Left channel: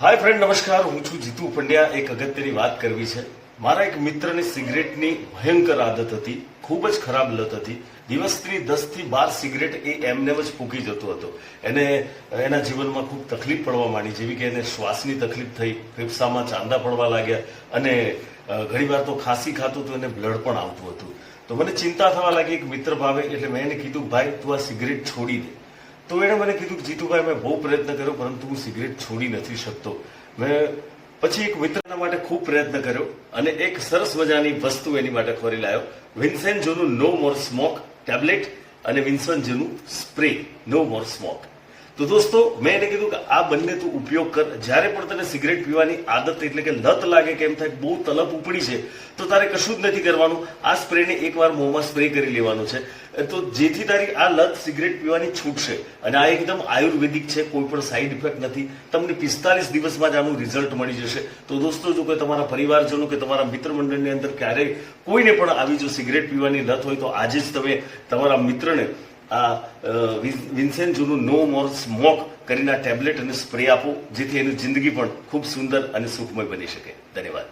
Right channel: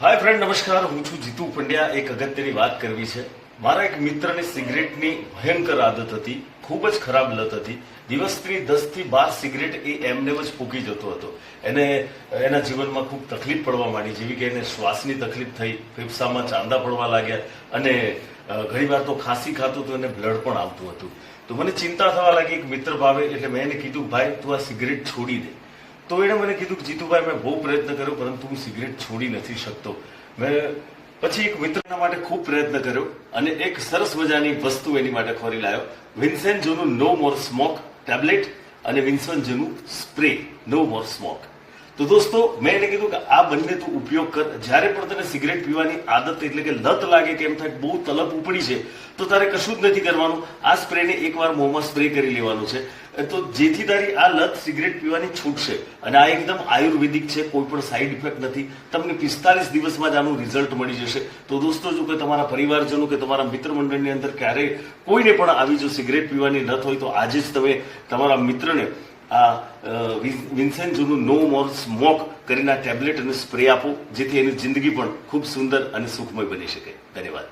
હાય friend, નમસ્કાર. હું છું જીતુ પંડ્યા. એક અગત્યની વાત કરવી છે. મારા એક મિત્રને સિગરેટની ભયંકર આદત હતી, ખૂબ જ ખરાબ લત હતી. દિવસની 10 થી 12 સિગરેટ એ એમને જ ફૂંકી જતો હતો. એને એના જીવનમાં ખૂબ તકલીફ પડવા માંડી, જેવી કે એને શ્વાસની તકલીફ થઈ, ફેફસામાં ચાંદા પડવા લાગ્યા અને ઘણીવાર તો ખાંસી ખાતું તો એને બ્લડ પણ આવતું હતું. તો મને ચિંતા થવા લાગી. એક મિત્ર ભાવે એટલે મેં એને કીધું, ભાઈ તું આ સિગરેટ છોડી દે. તો એણે મને કીધું કે જીતુભાઈ, મેં બહુ પ્રયત્ન કર્યો પરંતુ હું સિગરેટ છોડી નથી શકતો. મેં પછી એક મિત્રના માટે ખૂબ પ્રયત્ન કર્યો અને એક સરસ મજાની વસ્તુ એની માટે ખોરી લાવ્યો. વિન્સેન્જોનું નો મોર સ્મોક ટેબ્લેટ અને વિન્સેન્જોનું સ્પ્રે નો મોર સ્મોક. તો દોસ્તો, મેં એને કીધું કે આ બંને તું ઉપયોગ કર. જ્યારે પણ તને સિગરેટ પીવાની આદત એટલે કે લત લાગે કે એમ થાય બહુ તલપ ઉપડી છે, તો તારે કશું જ નથી કરવાનું. આ સ્પ્રેને એકવાર મોંમાં સ્પ્રે કરી લેવાનું છે, તો જેથી તારી આ લત સિગરેટ પીવાની છૂટશે. અને આ એકદમ આયુર્વેદિક છે, કોઈ પણ સાઈડ ઇફેક્ટ નથી. તમને 45 દિવસમાં જ આનું રિઝલ્ટ મળી જશે. તો દોસ્તો, જો કે તમારા પરિવારજનો કે તમારા મિત્ર મંડળની અંદર ક્યારેય કોઈને પણ આવી જો સિગરેટ પીવાની લત હોય, તો આજે જ તમે તમારા મિત્રને આ વિન્સેન્જોનું નો મોર સ્મોક કરીને ટેબ્લેટ અને સ્પ્રે આપો, જેથી એની જિંદગી પણ ખૂબ સુંદર અને સુખમય બની શકે. ધન્યવાદ.